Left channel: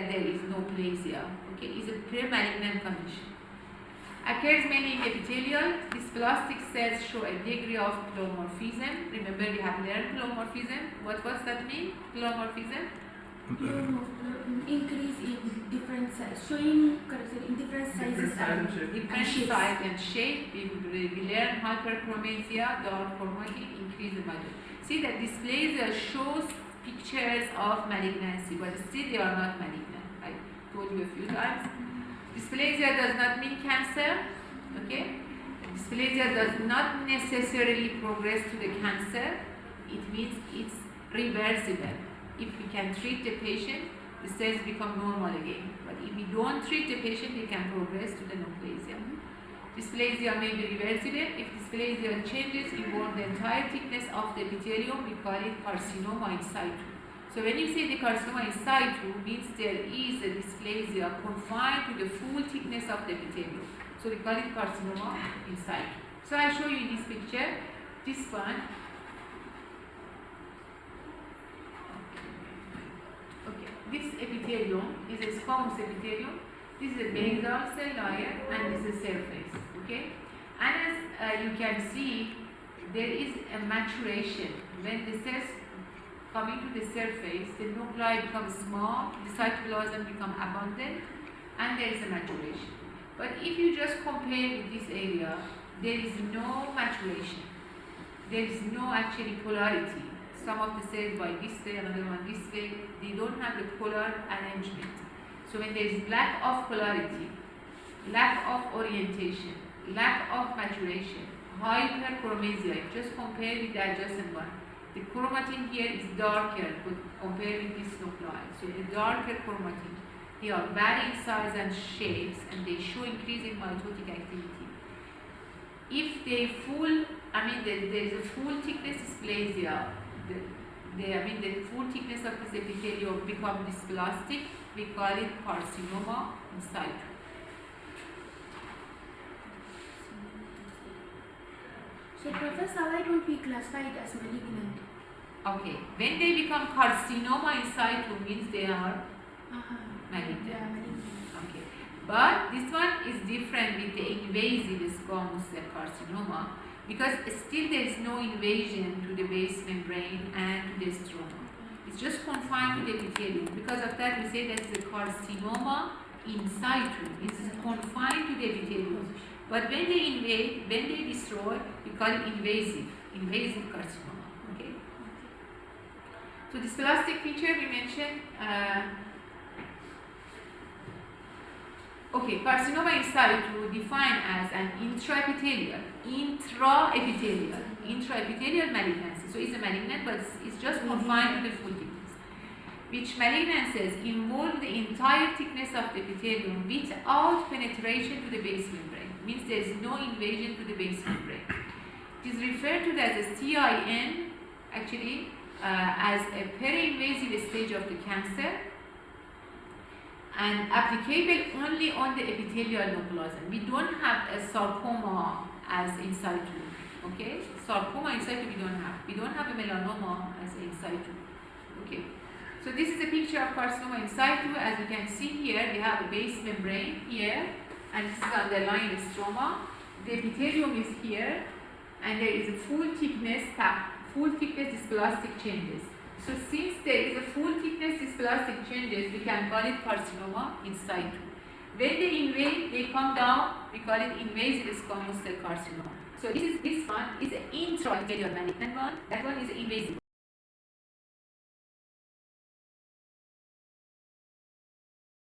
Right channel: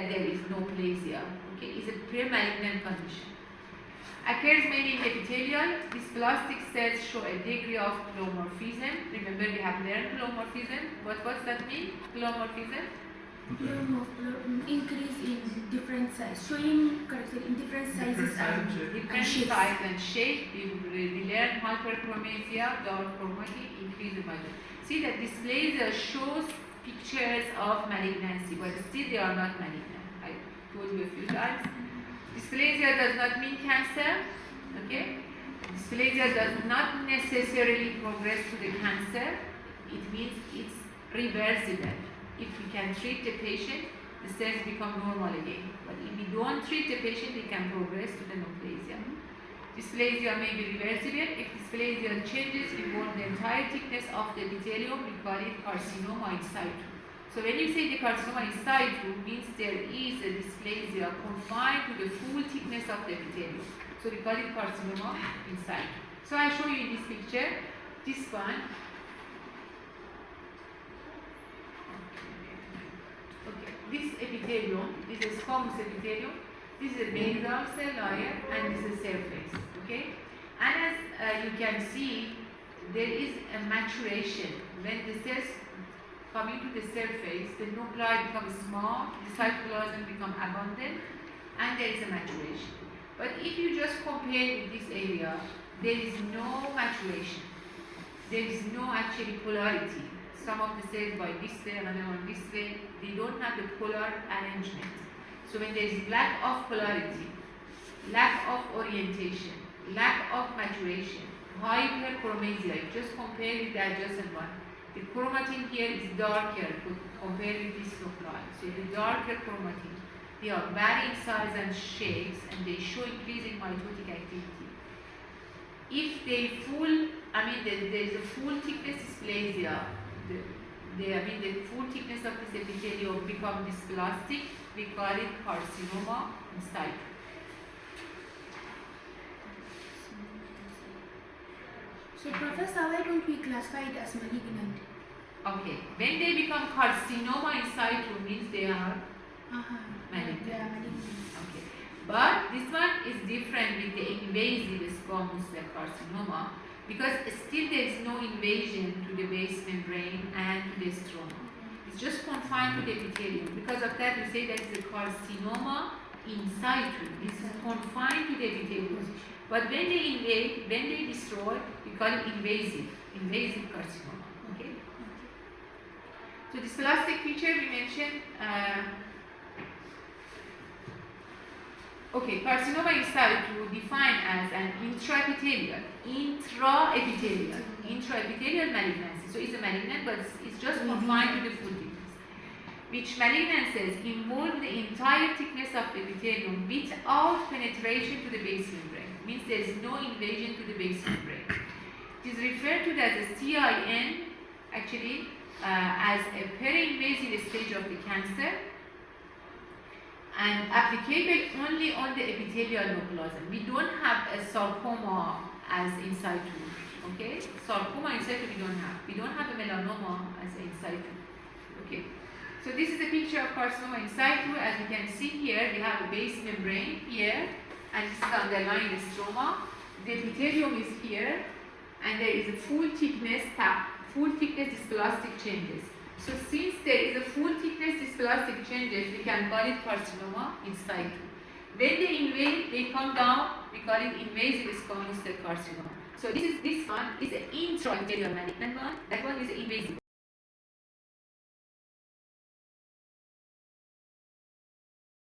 that there is neoplasia. Okay, it's a pre-malignant condition. Occurs mainly in epithelial. These plastic cells show a degree of pleomorphism. Remember, we have learned pleomorphism. What does that mean? Pleomorphism? Increase in different size, showing character in different sizes and different size and shape. We learn hyperchromasia, dark chromatic, increase in malignancy. See that dysplasia shows pictures of malignancy, but still they are not malignant. I told you a few times. Dysplasia does not mean cancer. Okay, dysplasia does not necessarily progress to the cancer. It means it's reversible. If we can treat the patient, the cells become normal again. But if we don't treat the patient, they can progress to the neoplasia. Dysplasia may be reversible. If dysplasia changes involve the entire thickness of the epithelium, we call it carcinoma in situ. So when you say the carcinoma in situ, means there is a dysplasia confined to the full thickness of the epithelium. So we call it carcinoma in situ. So I show you in this picture, this one. This epithelium is a squamous epithelium. This is a basal cell layer and this is surface. Okay, and as you can see, there is a maturation. When the cells come into the surface, the nuclei become small, the cytoplasm become abundant, and there is a maturation. But if you just compare with this area, there is no maturation. There is no actually polarity. Some of the cells by this way, another one this way, they don't have the polar arrangement. So when there is lack of polarity, lack of orientation, lack of maturation, hyperchromasia, just compare with the adjacent one. The chromatin here is darker compared with this nuclei. So the darker chromatin, they are varying size and shapes and they show increasing mitotic activity. If they there's a full thickness dysplasia, the full thickness of this epithelium become dysplastic, we call it carcinoma in situ. So Professor, why don't we classify it as malignant? Okay, when they become carcinoma in situ means they are malignant. They are malignant. Okay, but this one is different with the invasive squamous cell carcinoma, because still there is no invasion to the base membrane and to the stroma. It's just confined to the epithelium. Because of that, we say that it's a carcinoma in situ. It's confined to the epithelium. But when they invade, when they destroy, we call it invasive carcinoma. Okay. So this plastic feature we mentioned. Okay, carcinoma in situ defined as an intraepithelial malignancy. So it's a malignant, but it's just confined to the full thickness. Which malignancies involve the entire thickness of the epithelium without penetration to the base membrane. Means there is no invasion to the base membrane. It is referred to as a CIN, actually, as a peri-invasive stage of the cancer, and applicable only on the epithelial neoplasm. We don't have a sarcoma as in situ. Okay, sarcoma in situ we don't have. We don't have a melanoma as in situ. Okay, so this is a picture of carcinoma in situ. As you can see here, we have a base membrane here, and this is underlying stroma. The epithelium is here, and there is a full thickness dysplastic changes. So since there is a full thickness dysplastic changes, we can call it carcinoma in situ. When they invade, they come down, we call it invasive squamous cell carcinoma. So this one is an intraepithelial malignant one, that one is invasive.